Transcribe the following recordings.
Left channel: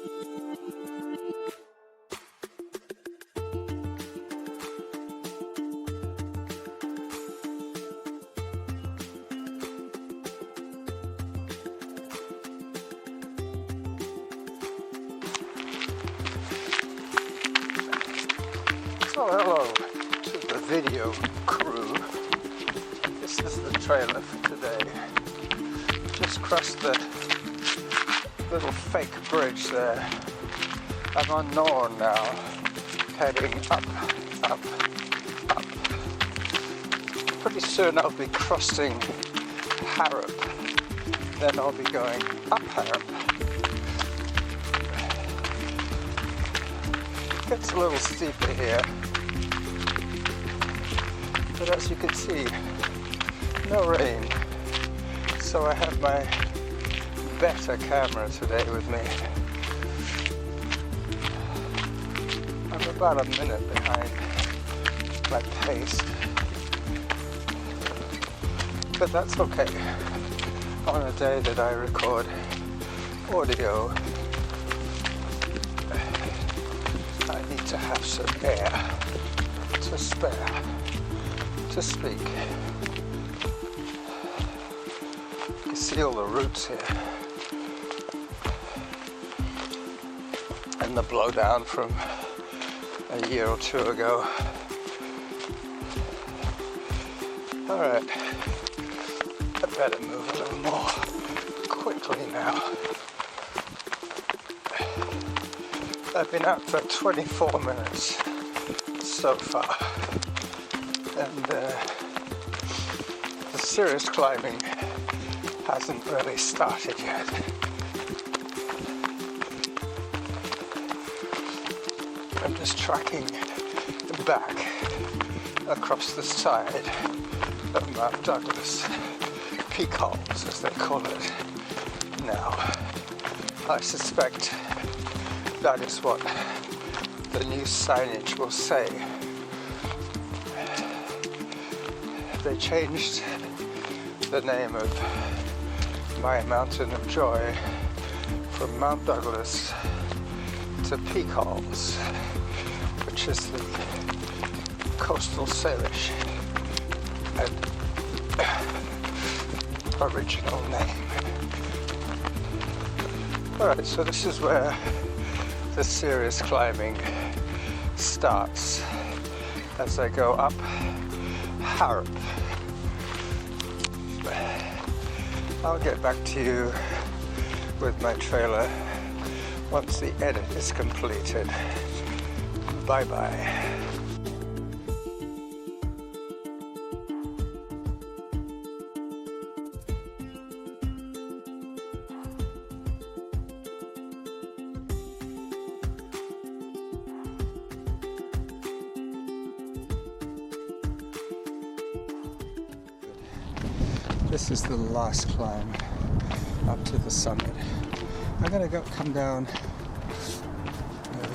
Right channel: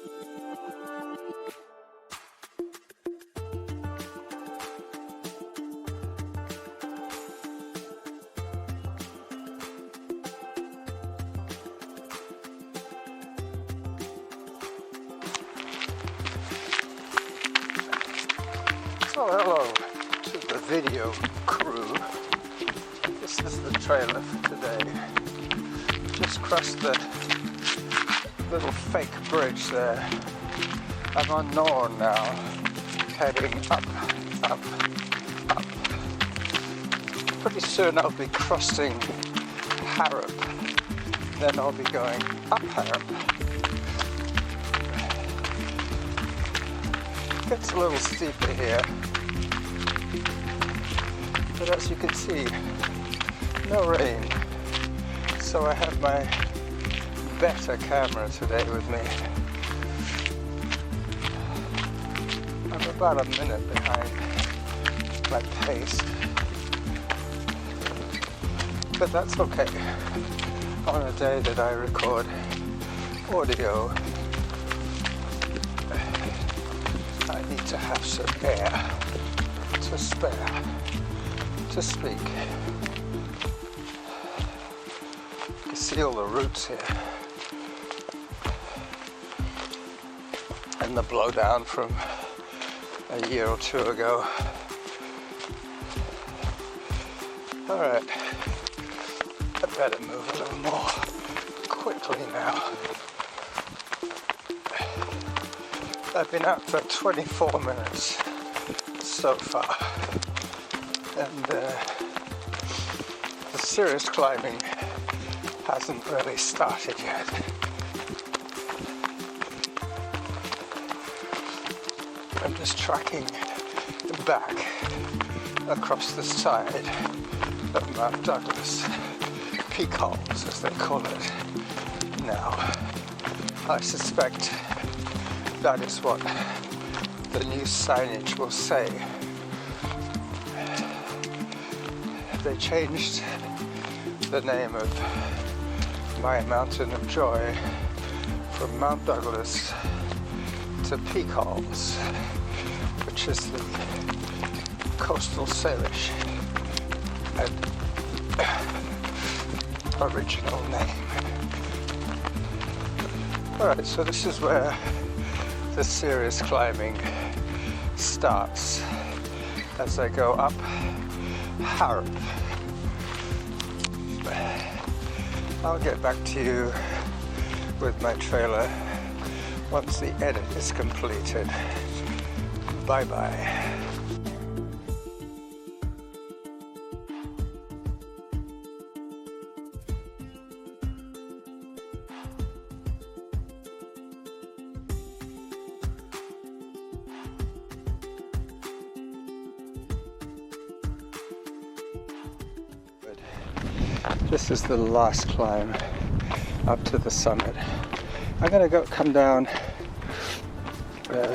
So hello to the video crew. This is the trailer for today. Just crossed the little fake bridge there. I'm on Norn now, heading up, up, up. Pretty soon I'll be crossing Harrop, then I'll be going up Harrop. It's a little steeper here, but as you can see, no rain, so I have my better camera today with me. I'm about a minute behind my pace, but that's okay on a day that I record audio. I need to have some air to spare, to speak. You see all the roots here. And the blowdown from a year or two ago. Alright, I better move a little more quickly now. I've been out for 24 minutes so far, and the serious climbing hasn't really started yet. I'm just tracking back across the side of Mount Douglas, Peak Holes as they call it now. I suspect that is what the new signage will say. They changed the name of my mountain of joy from Mount Douglas to Peak Holes, which is the coastal Saanich original name. Alright, so this is where the serious climbing starts as I go up Harrop. I'll get back to you with my trailer once the edit is completed. Bye bye. This is the last climb up to the summit. I'm gonna come down. I'm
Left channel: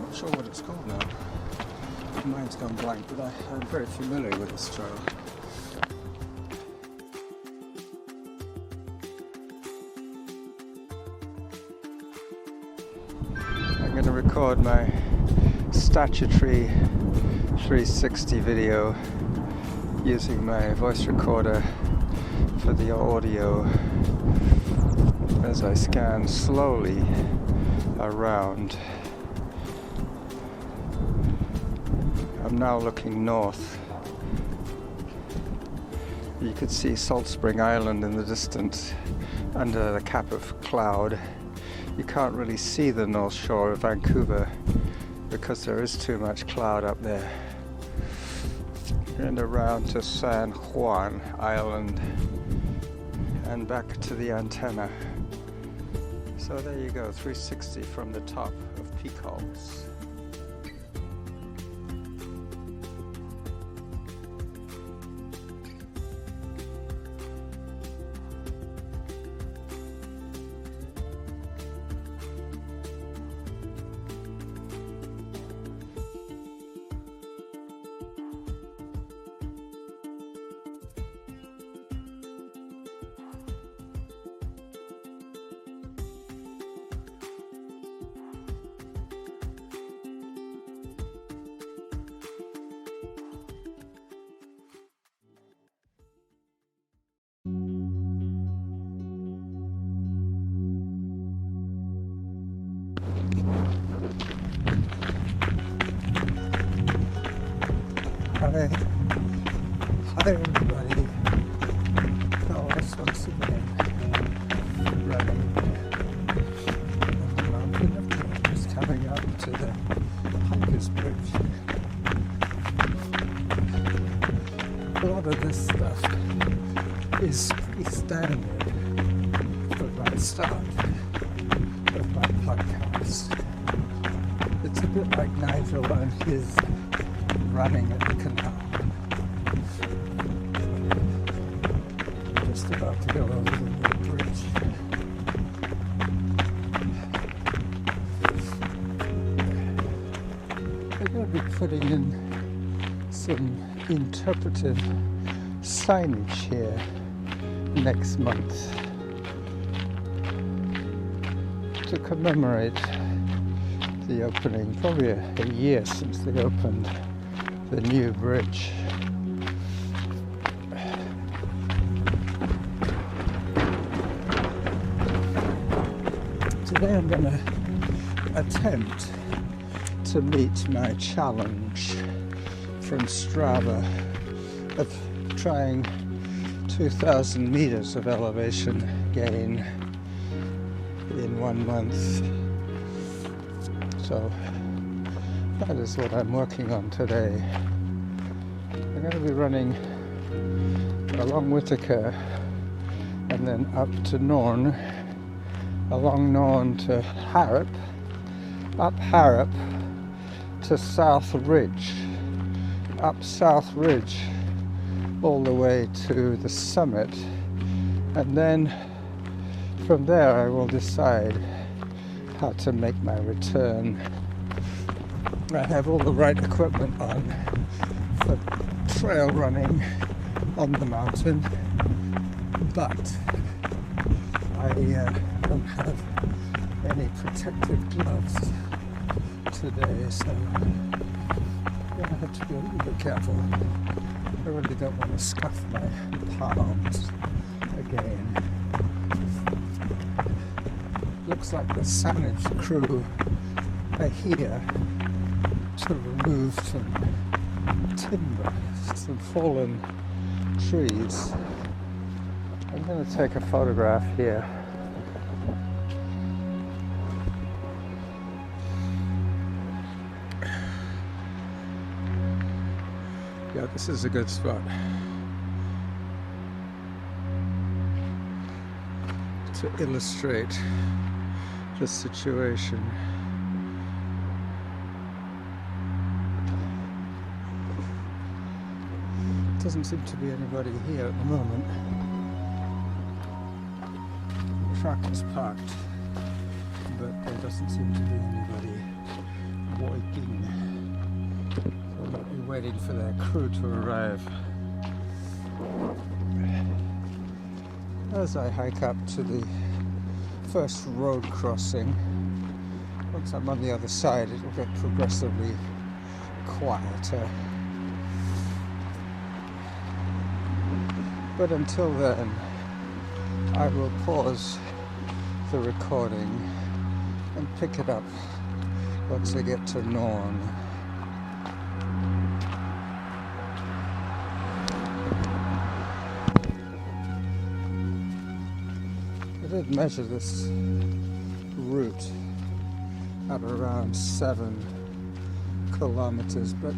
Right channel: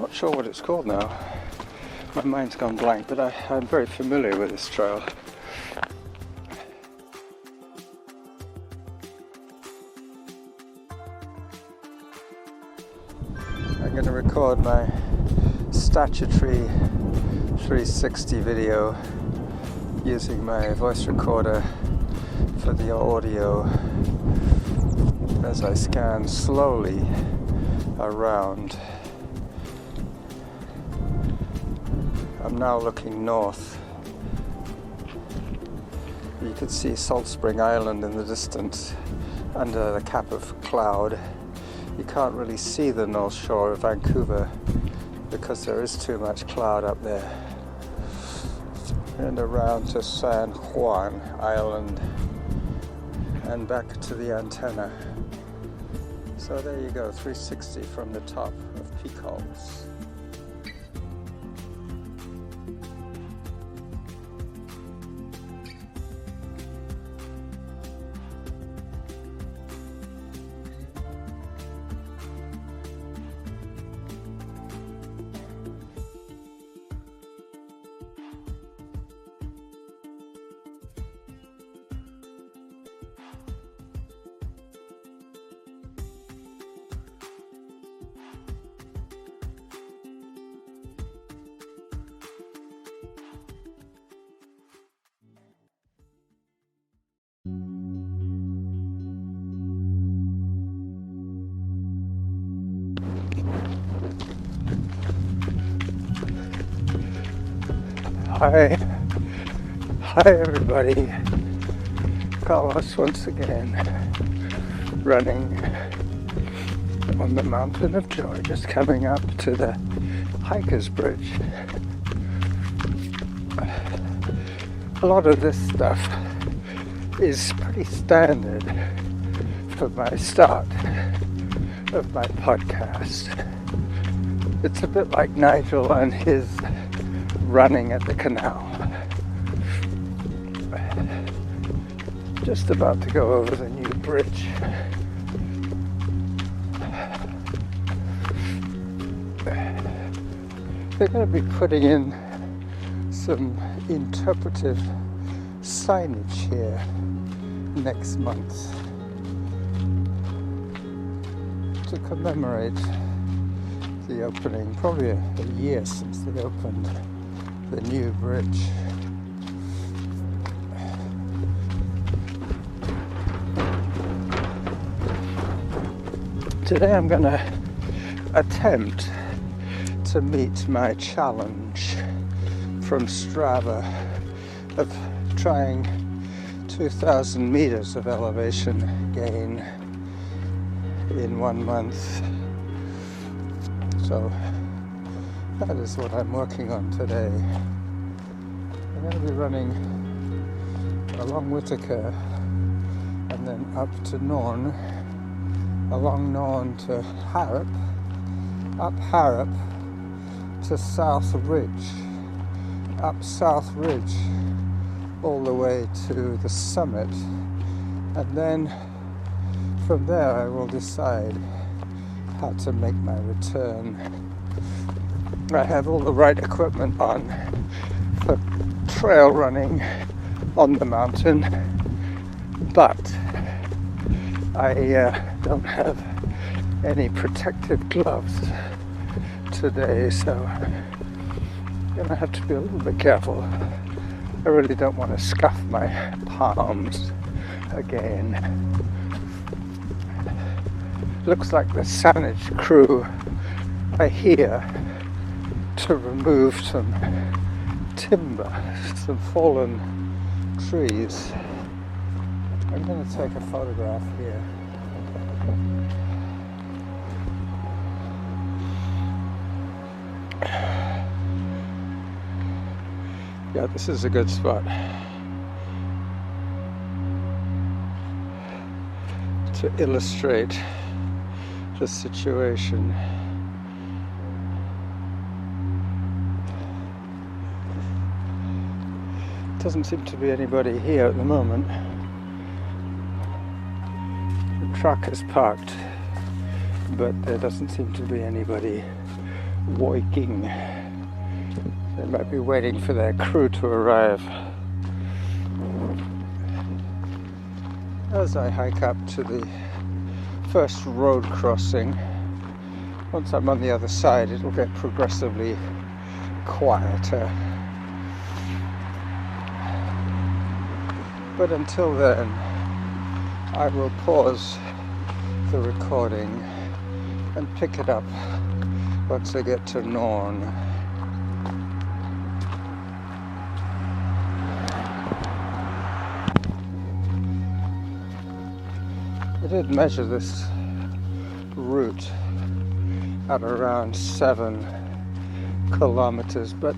not sure what it's called now. My mind's gone blank, but I'm very familiar with this trail. I'm gonna record my statutory 360 video using my voice recorder for the audio as I scan slowly around. I'm now looking north. You can see Salt Spring Island in the distance under the cap of cloud. You can't really see the North Shore of Vancouver because there is too much cloud up there. And around to San Juan Island and back to the antenna. So there you go, 360 from the top of Peak Holes. Hi everybody. Carlos once again running on the mountain of joy, just coming up to the hiker's bridge. A lot of this stuff is pretty standard for my start of my podcast. It's a bit like Nigel and his running at the canal. Just about to go over the new bridge. They're going to be putting in some interpretive signage here next month to commemorate the opening, probably a year since they opened the new bridge. Today I'm going to attempt to meet my challenge from Strava of trying 2,000 meters of elevation gain in 1 month. So that is what I'm working on today. I'm going to be running along Whitaker and then up to Norn, along Norn to Harrop, up Harrop to South Ridge, up South Ridge all the way to the summit, and then from there I will decide how to make my return. I have all the right equipment on for trail running on the mountain, but I don't have any protective gloves today, so I'm gonna have to be a little bit careful. I really don't want to scuff my palms again. Looks like the Saanich crew are here to remove some timber, some fallen trees. I'm going to take a photograph here. Yeah, this is a good spot to illustrate the situation. Doesn't seem to be anybody here at the moment. The truck is parked, but there doesn't seem to be anybody walking. They might be waiting for their crew to arrive. As I hike up to the first road crossing, once I'm on the other side, it'll get progressively quieter. But until then, I will pause the recording and pick it up once I get to Norn. I did measure this route at around 7 kilometers, but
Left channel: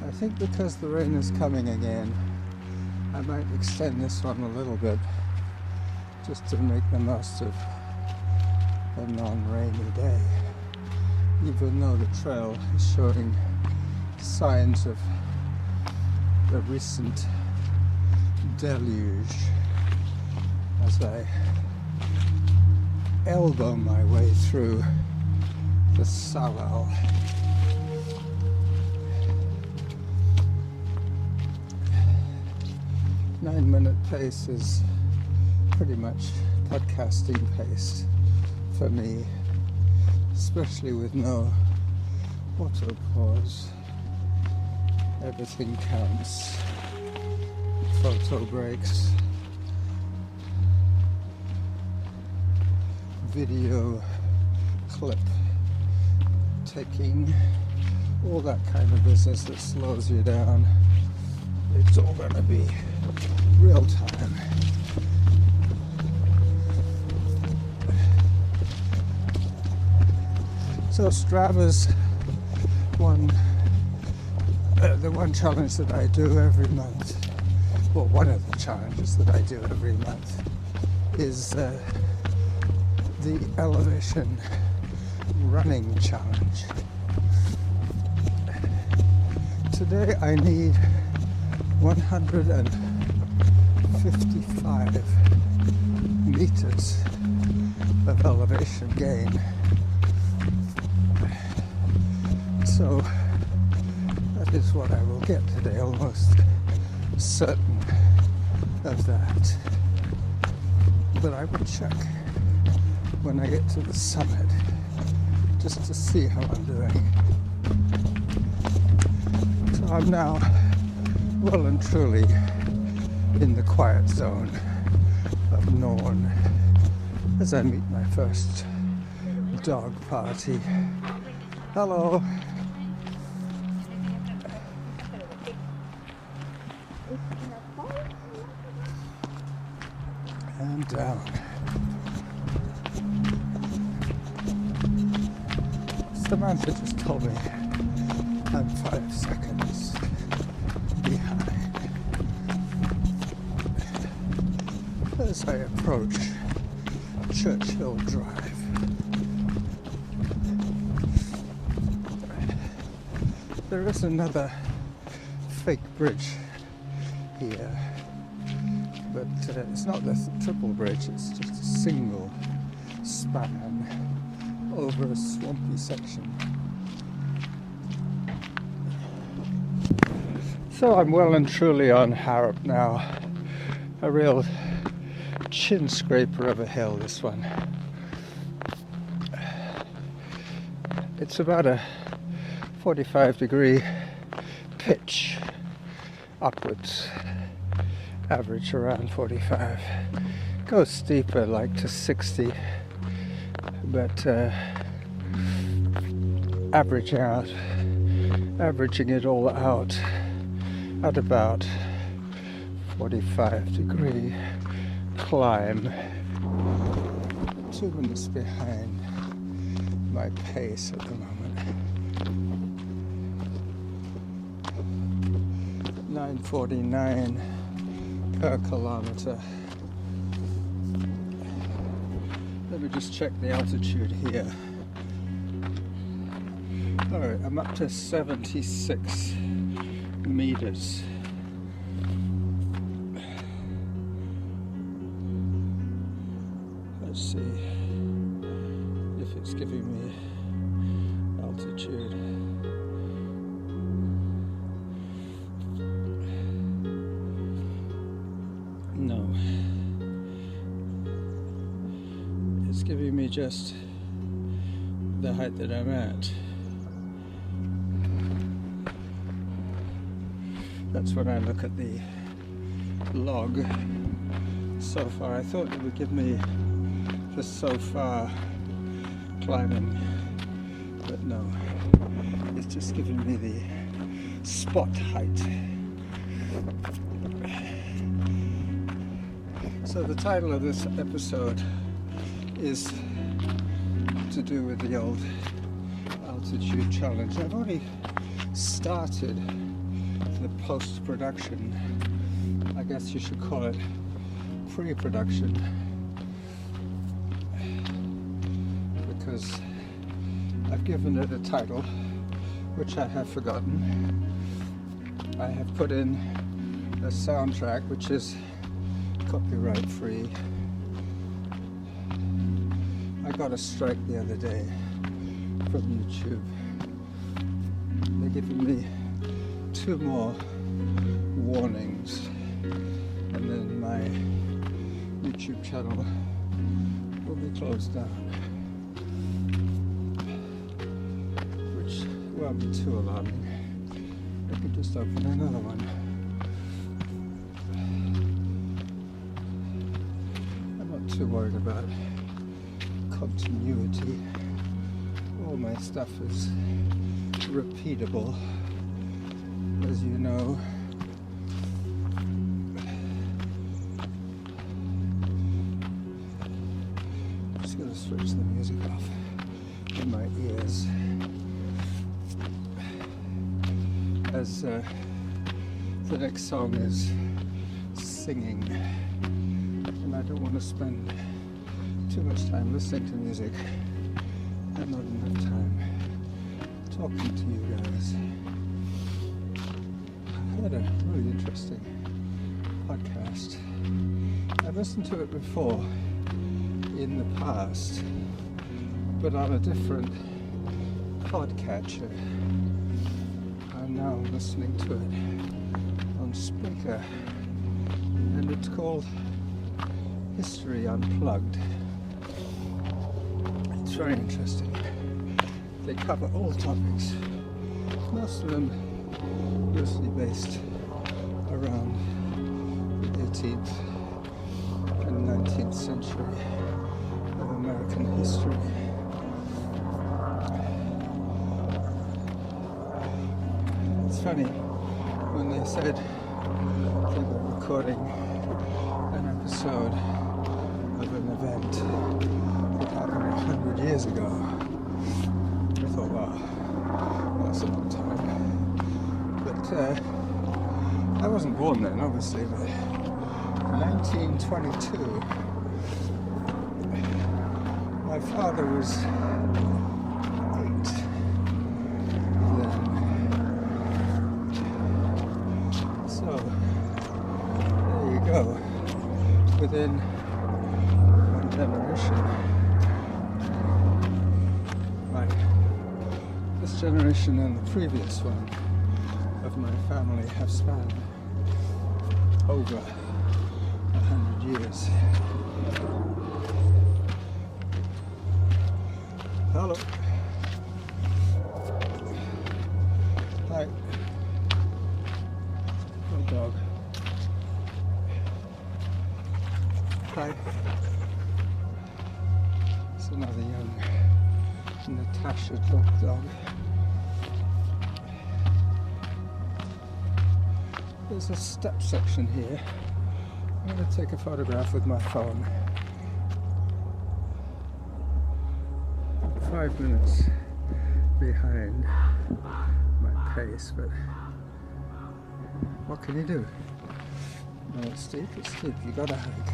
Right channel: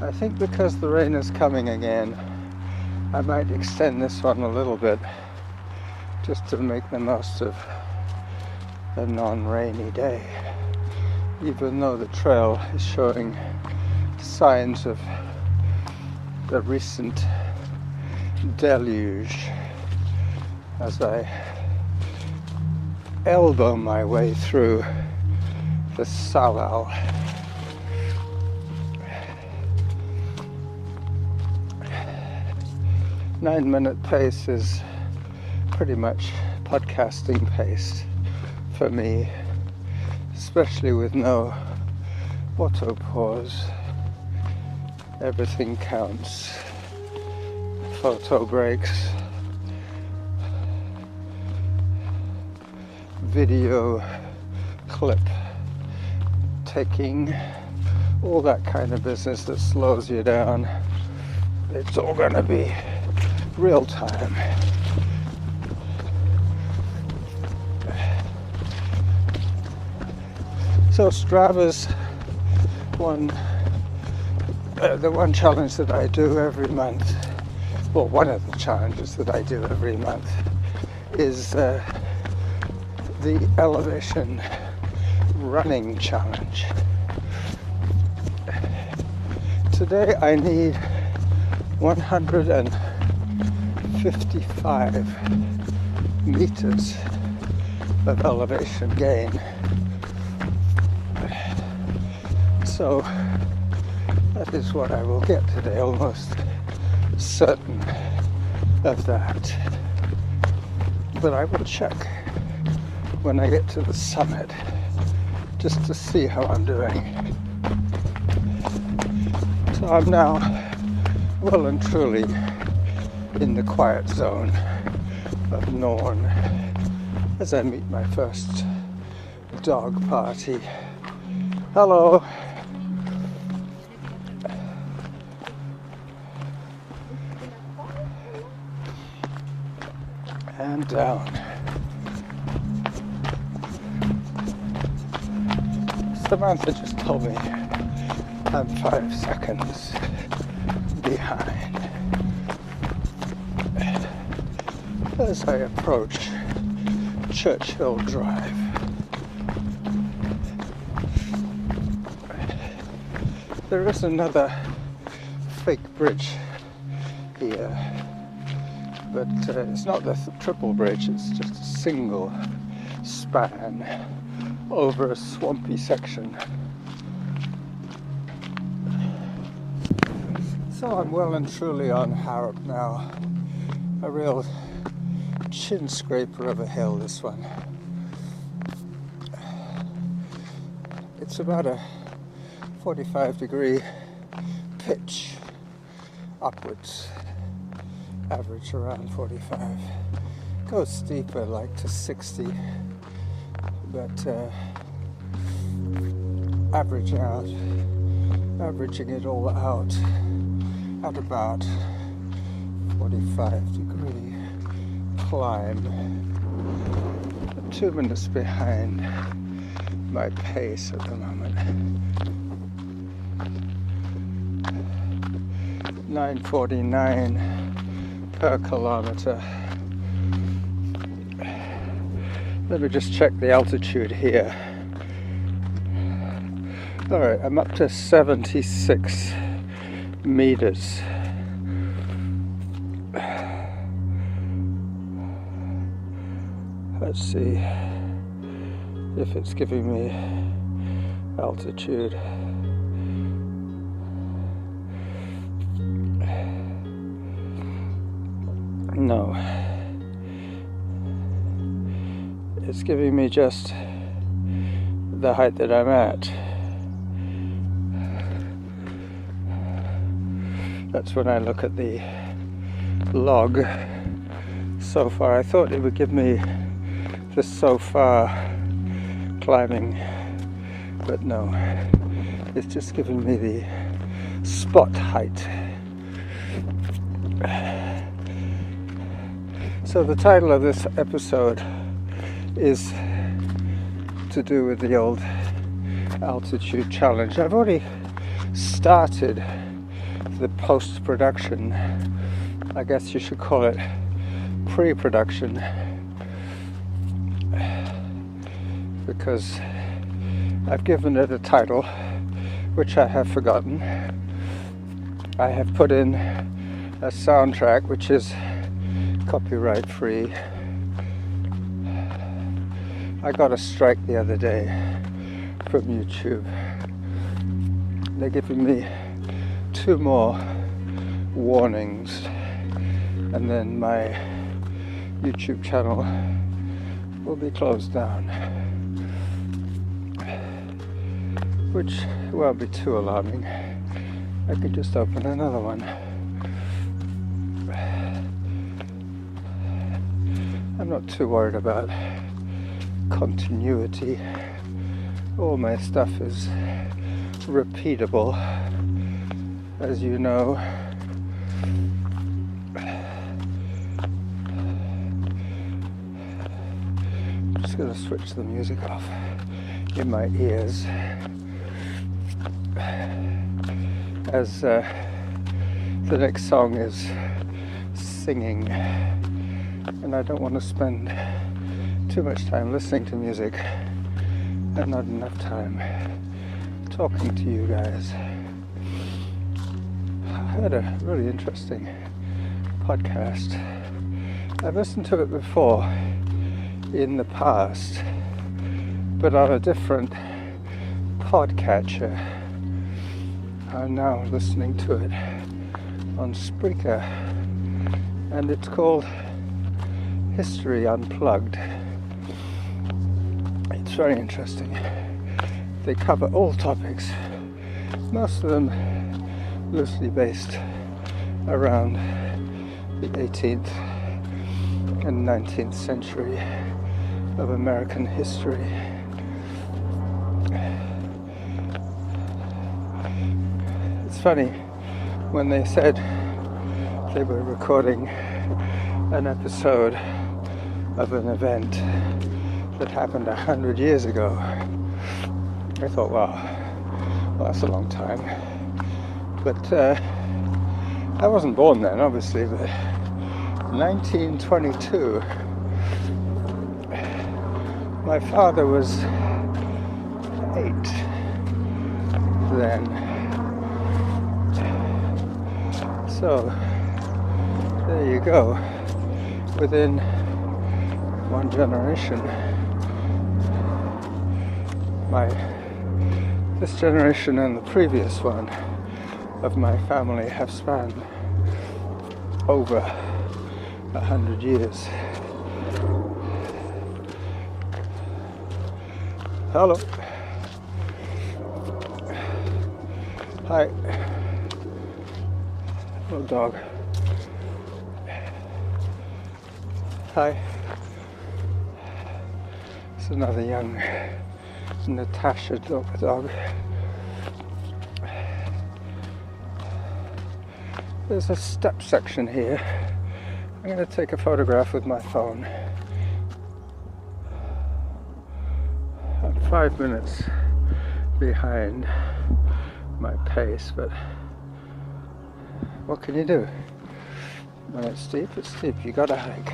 I think because the rain is coming again, I might extend this one a little bit just to make the most of a non-rainy day, even though the trail is showing signs of the recent deluge as I elbow my way through the Salal. Nine-minute pace is pretty much podcasting pace for me, especially with no auto pause. Everything counts. Photo breaks, video clip taking, all that kind of business that slows you down. It's all going to be real time. So Strava's the one challenge that I do every month, well, one of the challenges that I do every month is the elevation running challenge. Today I need 155 meters of elevation gain. So that is what I will get today, almost certain of that. But I will check when I get to the summit just to see how I'm doing. So I'm now well and truly in the quiet zone of Norn as I meet my first dog party. Hello. And down. Samantha just told me I'm 5 seconds behind as I approach Churchill Drive. There is another fake bridge here, but it's not the triple bridge, it's just a single span over a swampy section. So I'm well and truly on Harrop now, a real chin scraper of a hill, this one. It's about a 45-degree pitch upwards, average around 45. Goes steeper, like to 60, but averaging it all out at about 45-degree climb. 2 minutes behind my pace at the moment. 9:49 per kilometer. Let me just check the altitude here. Alright, I'm up to 76 meters. Let's see if it's giving me altitude. No, it's giving me just the height that I'm at. That's when I look at the log so far. I thought it would give me the so far climbing, but no, it's just giving me the spot height. So the title of this episode is to do with the old altitude challenge. I've already started the post-production, I guess you should call it pre-production, because I've given it a title which I have forgotten. I have put in a soundtrack which is copyright free. I got a strike the other day from YouTube. They're giving me 2 more warnings and then my YouTube channel will be closed down, which won't be too alarming. I could just open another one. I'm not too worried about continuity. All my stuff is repeatable, as you know. I'm just going to switch the music off in my ears, as the next song is singing, and I don't want to spend too much time listening to music and not enough time talking to you guys. I had a really interesting podcast. I've listened to it before in the past, but on a different podcatcher. I'm now listening to it on Spreaker, and it's called History Unplugged. It's very interesting. They cover all topics, most of them loosely based around the 18th and 19th century of American history. It's funny, when they said they were recording an episode of an event that happened 100 years ago, I thought, wow, that's a long time. But I wasn't born then, obviously, but 1922, my father was 8 then. So, there you go. Within one generation, this generation and the previous one of my family have spanned over 100 years. Hello. Hi. Little dog. Hi. It's another young Natasha dog. There's a step section here. I'm going to take a photograph with my phone. I'm 5 minutes behind my pace, but what can you do? When it's steep, you gotta hike.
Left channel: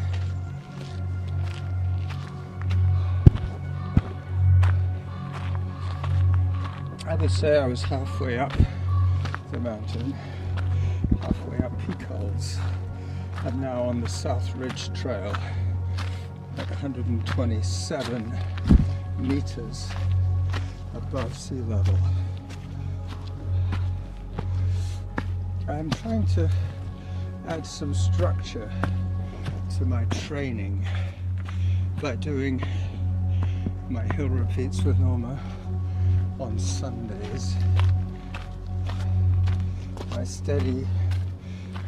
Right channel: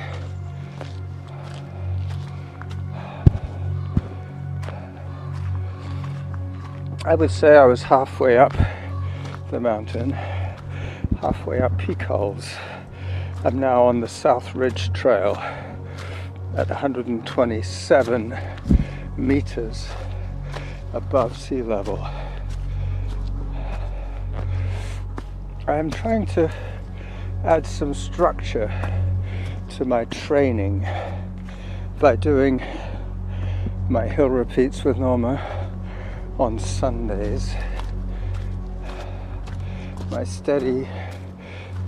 I would say I was halfway up the mountain, halfway up Peak Holes. I'm now on the South Ridge Trail at 127 meters above sea level. I am trying to add some structure to my training by doing my hill repeats with Norma on Sundays. My steady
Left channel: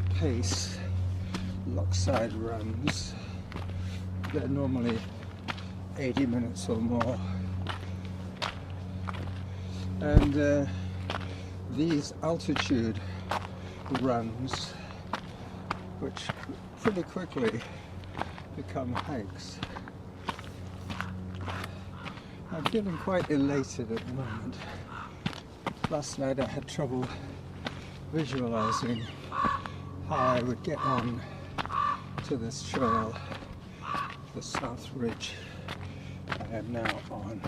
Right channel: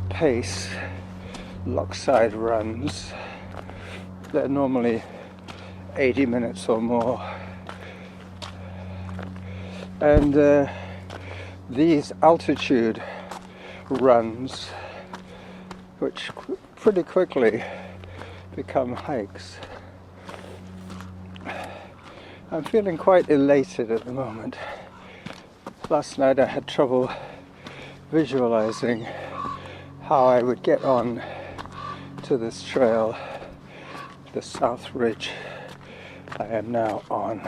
pace lockside runs, they're normally 80 minutes or more, and these altitude runs, which pretty quickly become hikes. I'm feeling quite elated at the moment. Last night I had trouble visualizing how I would get on to this trail, the South Ridge I am now on.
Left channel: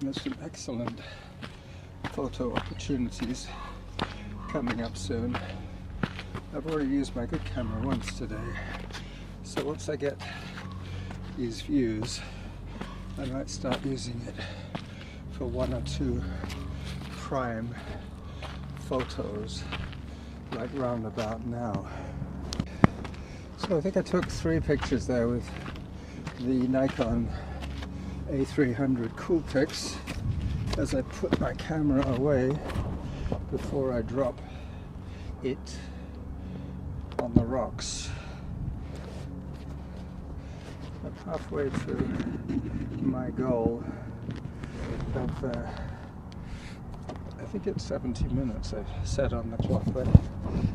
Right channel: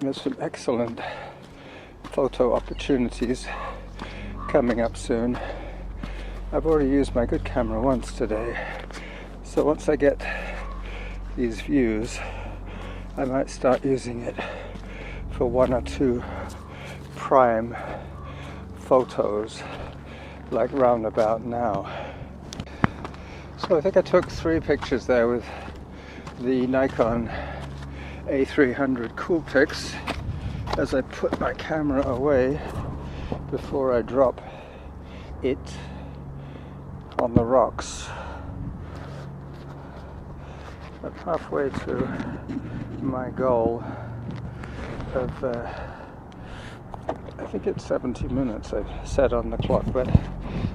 There's some excellent photo opportunities coming up soon. I've already used my good camera once today, so once I get these views, I might start using it for 1 or 2 prime photos, like roundabout now. So I think I took 3 pictures there with the Nikon A300 Coolpix as I put my camera away before I drop it on the rocks. I'm halfway to my goal of think it's 70 minutes I've set on the clock, but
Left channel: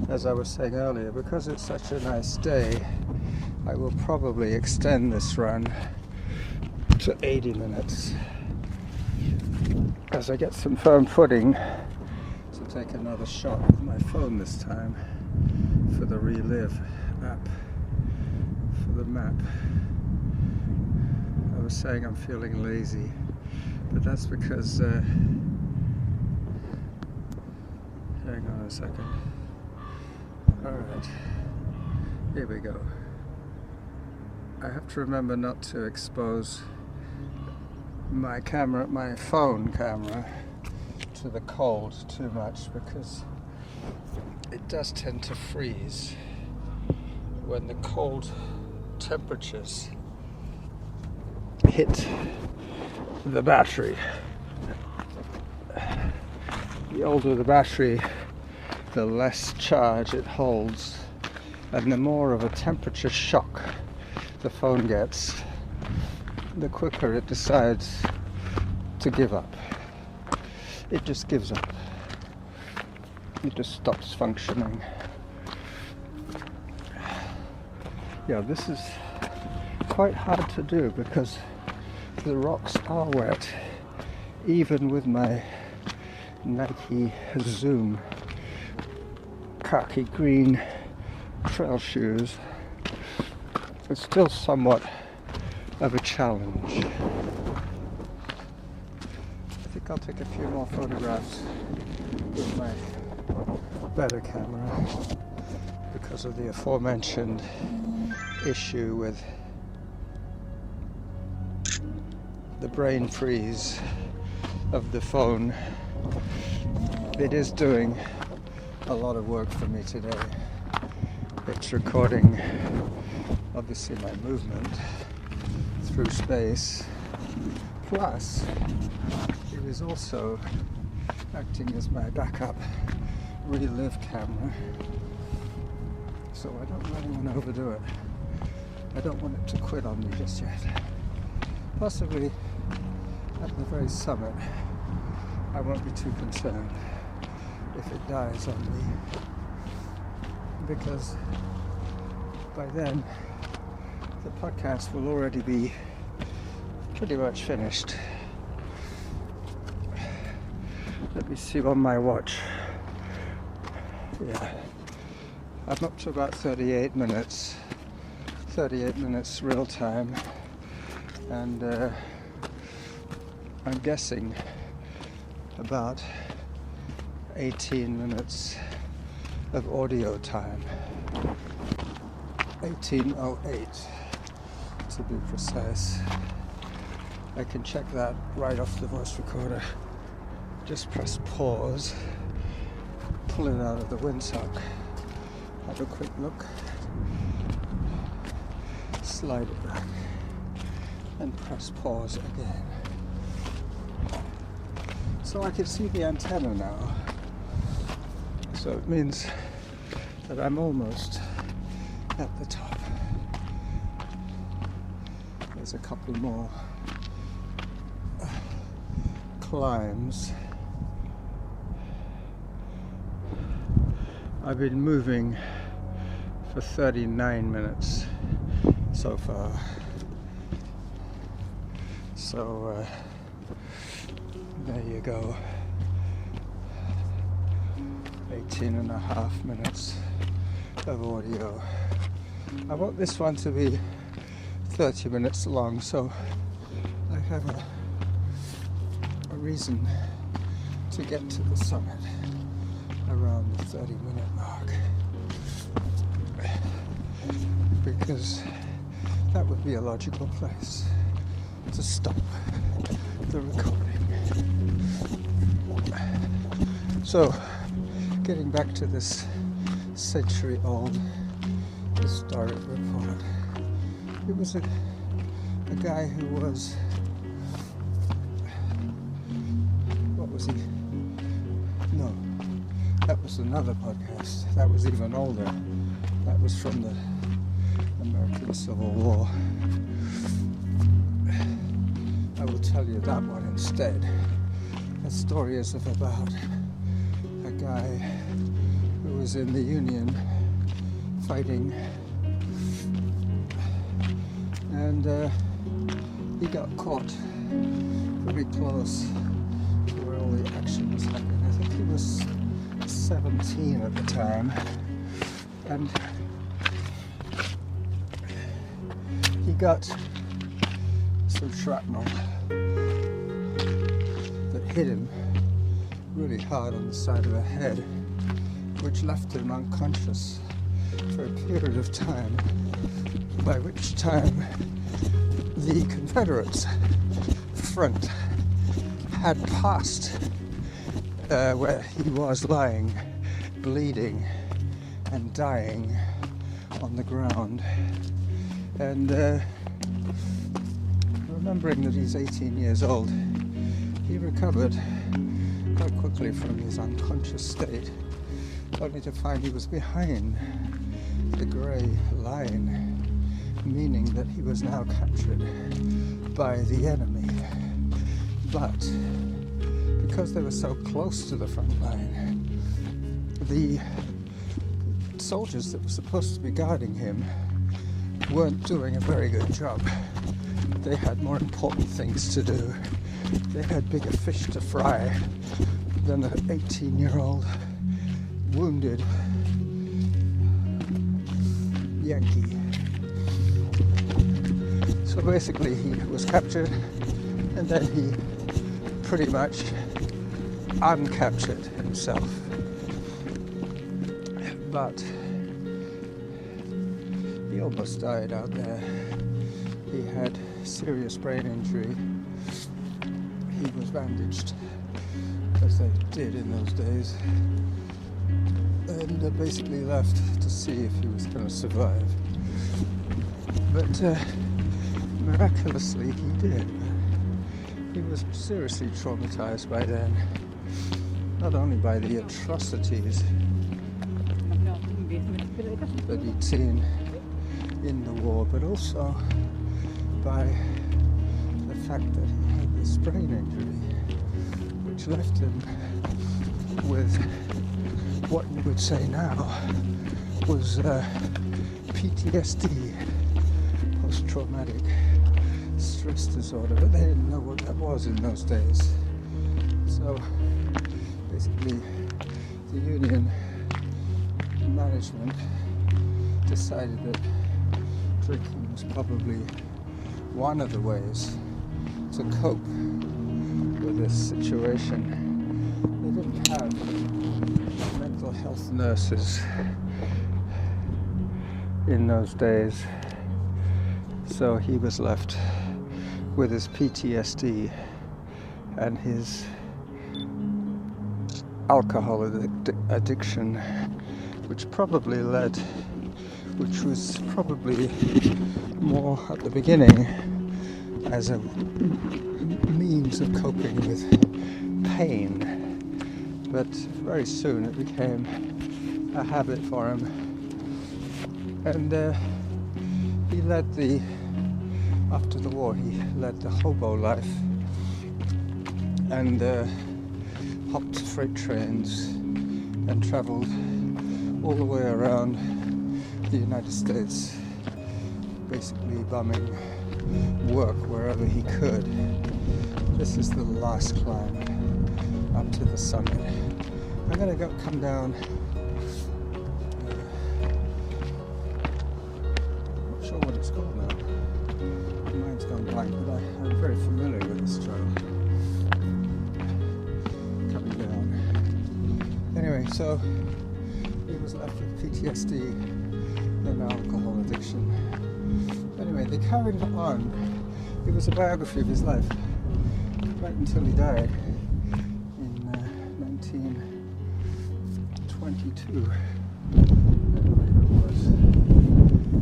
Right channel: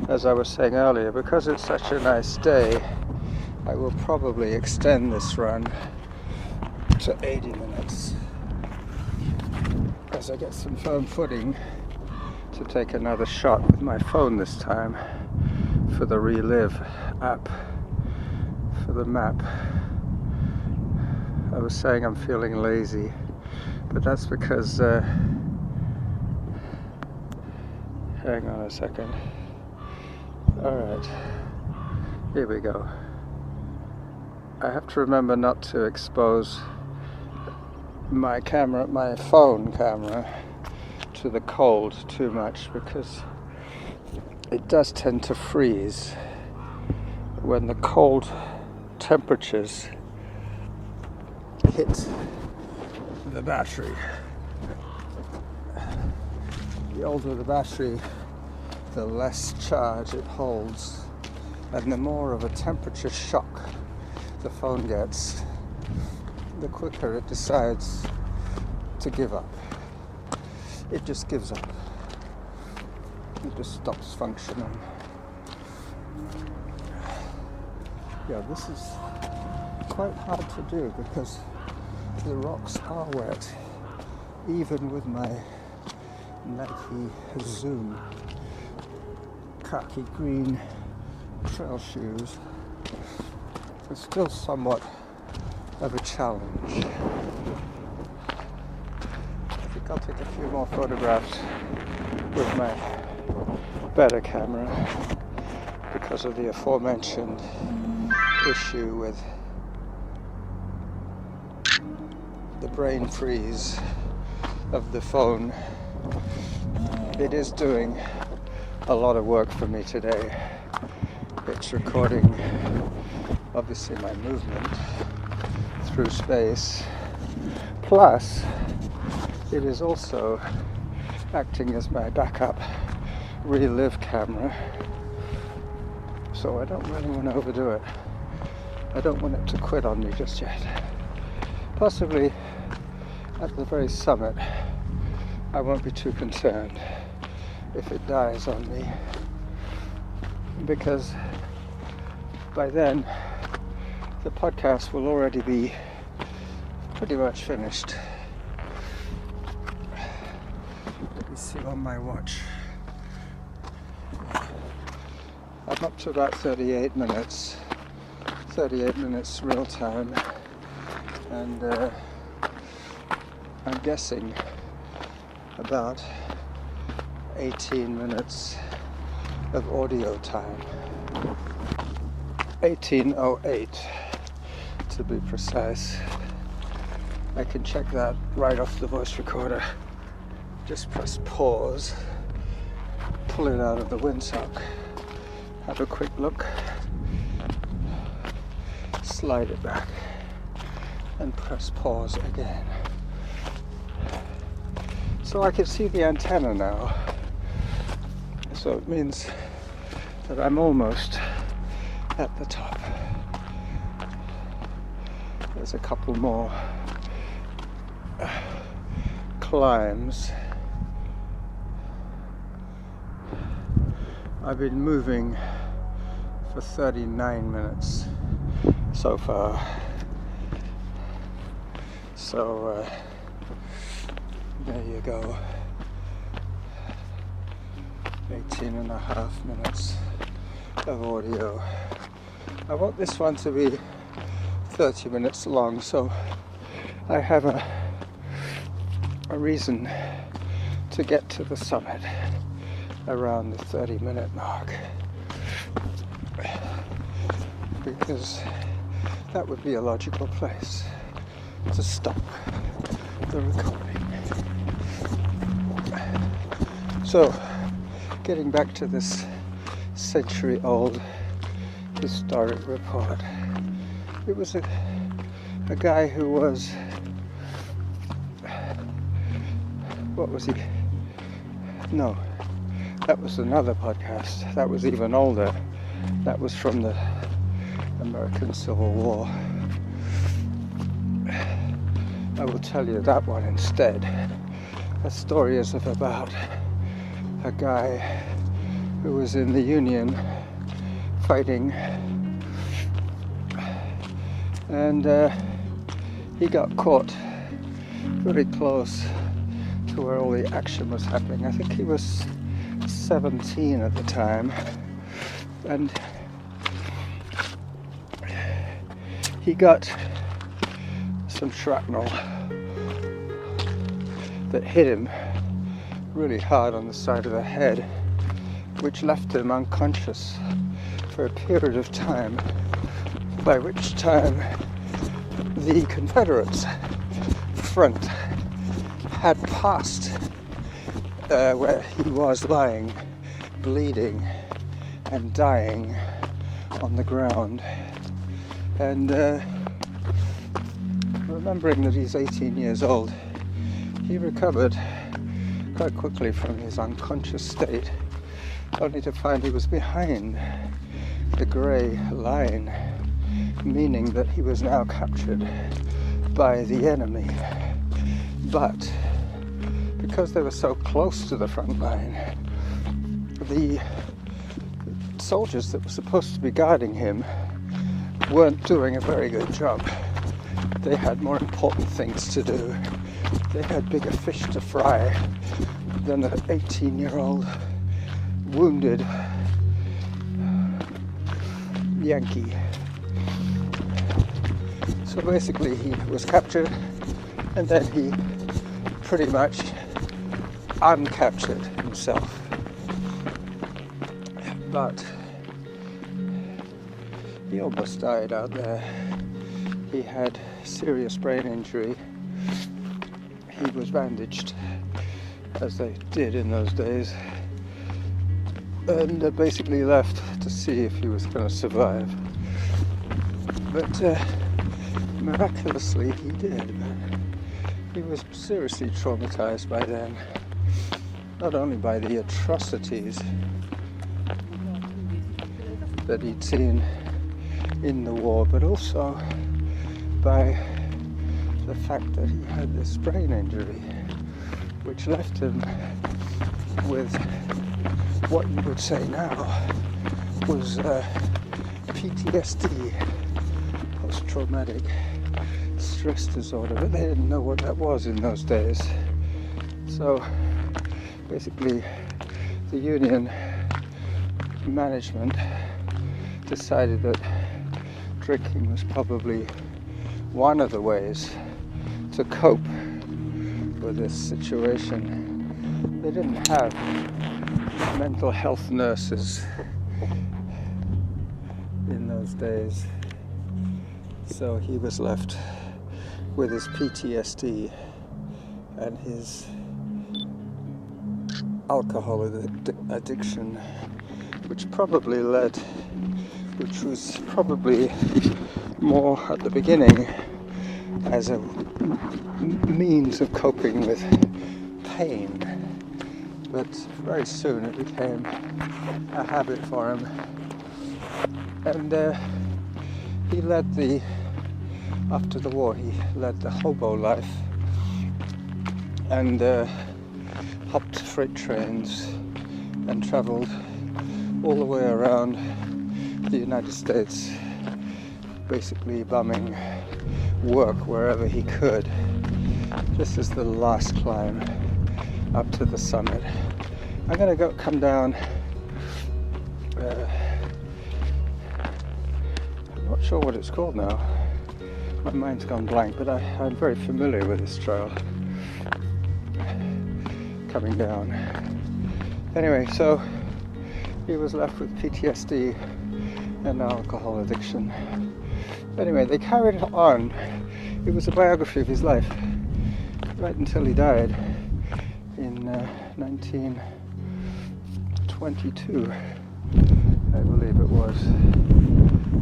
as I was saying earlier, because it's such a nice day, I will probably extend this run to 80 minutes as I get some firm footing to take another shot with my phone this time for the Relive app, for the map. I was saying I'm feeling lazy, but that's because hang on a second. Alright, here we go. I have to remember not to expose my phone camera to the cold too much, because it does tend to freeze when the cold temperatures hit the battery. The older the battery, the less charge it holds, and the more of a temperature shock the phone gets, the quicker it decides to give up. It just gives up. It just stops functioning. Yeah, this is quite hard to do because the rocks are wet, even with my Nike Zoom khaki green trail shoes. It's still somewhat of a challenge. I think I'll take a few more photographs with my better camera because of the aforementioned issue with the brain freeze of the phone. It is doing a lot of work for me today. It's recording obviously my movement through space, plus it is also acting as my backup Relive camera, so I don't really want to overdo it. I don't want it to quit on me just yet. Possibly at the very summit I won't be too concerned if it dies on me, because by then the podcast will already be pretty much finished. Let me see on my watch. Yeah. I'm up to about 38 minutes real time, and I'm guessing about 18 minutes of audio time. 18:08 to be precise. I can check that right off the voice recorder. Just press pause, pull it out of the windsock, have a quick look, slide it back, and press pause again. So I can see the antenna now. So it means that I'm almost at the top. There's a couple more climbs. I've been moving for 39 minutes so far. So there you go. 18 and a half minutes of audio. I want this one to be 30 minutes long, so I have a reason to get to the summit around the 30-minute mark, because that would be a logical place to stop the recording. So, getting back to this century-old historic report, it was a guy who was, what was he? No, that was another podcast. That was even older. That was from the American Civil War. I will tell you that one instead. That story is of about a guy who was in the Union fighting, and he got caught very close to where all the action was happening. I think he was 17 at the time, and he got some shrapnel that hit him really hard on the side of the head, which left him unconscious for a period of time, by which time the Confederates' front had passed where he was lying, bleeding and dying on the ground. And remembering that he's 18 years old, he recovered quite quickly from his unconscious state, only to find he was behind the grey line, meaning that he was now captured by the enemy. But because they were so close to the front line, the soldiers that were supposed to be guarding him weren't doing a very good job. They had more important things to do. They had bigger fish to fry than the 18-year-old wounded Yankee. So basically he was captured, and then he pretty much uncaptured himself. But he almost died out there. He had serious brain injury. He was bandaged, as they did in those days, and basically left to see if he was going to survive. But miraculously he did. He was seriously traumatized by then, not only by the atrocities that he'd seen in the war, but also by the fact that he had this brain injury, which left him with what you would say now was PTSD, post-traumatic stress disorder, but they didn't know what that was in those days. So basically the Union management decided that drinking was probably one of the ways to cope with this situation. They didn't have mental health nurses in those days, so he was left with his PTSD and his alcohol addiction, which was probably more at the beginning as a means of coping with pain, but very soon it became a habit for him, and after the war he led the hobo life and hopped freight trains and traveled all the way around the United States, basically bumming work wherever he could. This is the last climb up to the summit. I'm gonna come down. I'm not sure what it's called now. My mind's gone blank, but I'm very familiar with this trail. Coming down. Anyway, so he was left with PTSD and alcohol addiction. Anyway, they carried it on. It was a biography of his life, right until he died in 1922, I believe it was.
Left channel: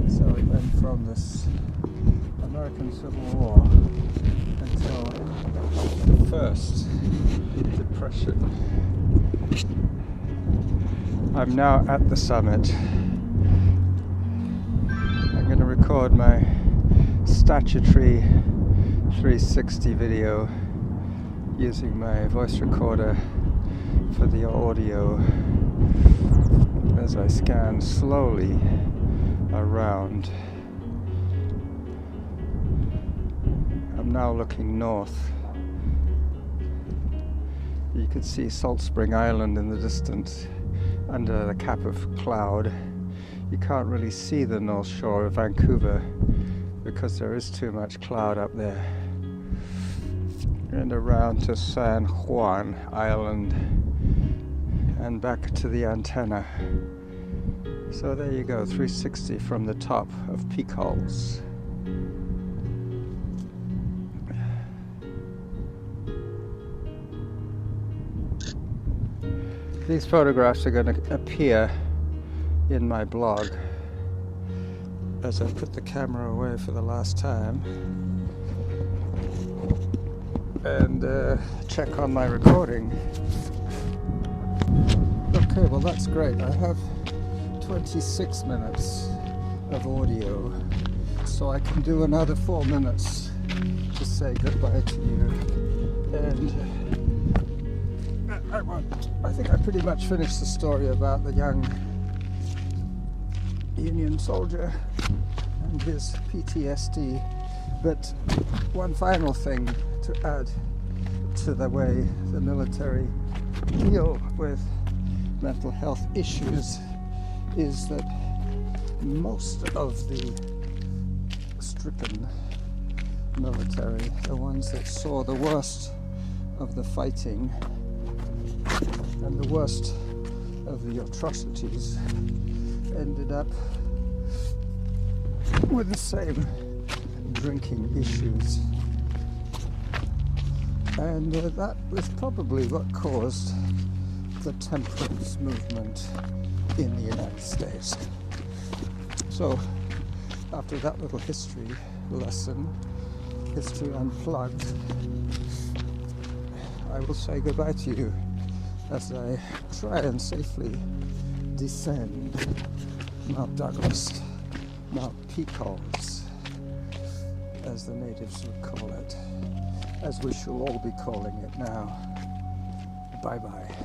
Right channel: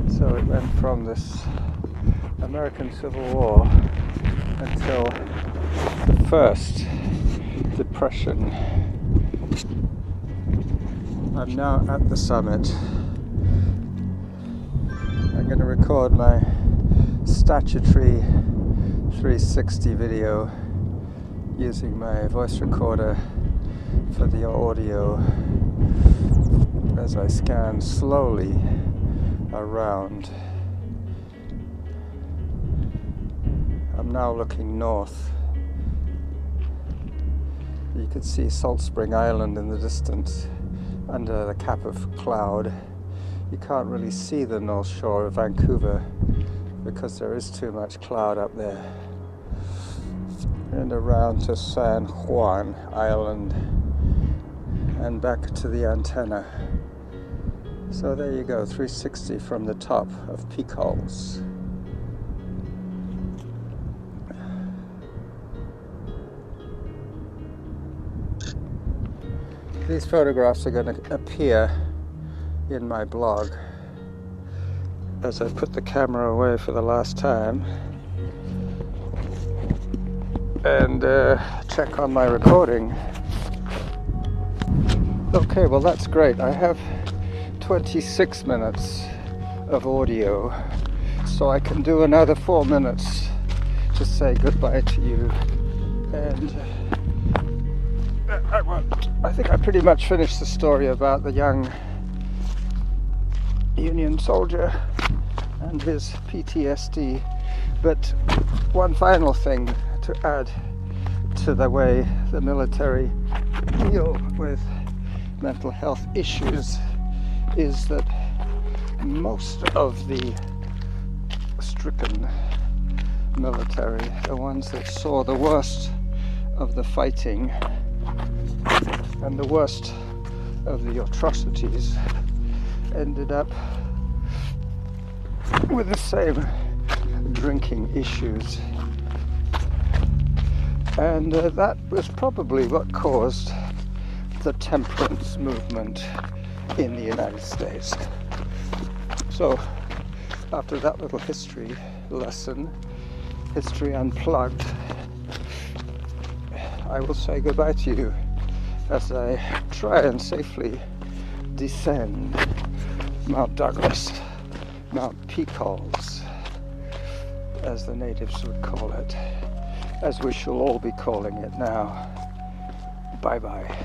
So it went from this American Civil War until the first Depression. I'm now at the summit. I'm going to record my statutory 360 video using my voice recorder for the audio as I scan slowly around. I'm now looking north. You could see Salt Spring Island in the distance under the cap of cloud. You can't really see the north shore of Vancouver because there is too much cloud up there. And around to San Juan Island and back to the antenna. So there you go, 360 from the top of Peacock's. These photographs are going to appear in my blog as I put the camera away for the last time and check on my recording. Okay, well that's great. I have 26 minutes of audio, so I can do another 4 minutes to say goodbye to you. And I think I pretty much finished the story about the young Union soldier and his PTSD. But one final thing to add to the way the military deal with mental health issues is that most of the stricken military, the ones that saw the worst of the fighting and the worst of the atrocities, ended up with the same drinking issues. And that was probably what caused the temperance movement in the United States. So after that little history lesson, History Unplugged, I will say goodbye to you as I try and safely descend Mount Douglas, Mount Peacock's, as the natives would call it, as we shall all be calling it now. Bye-bye.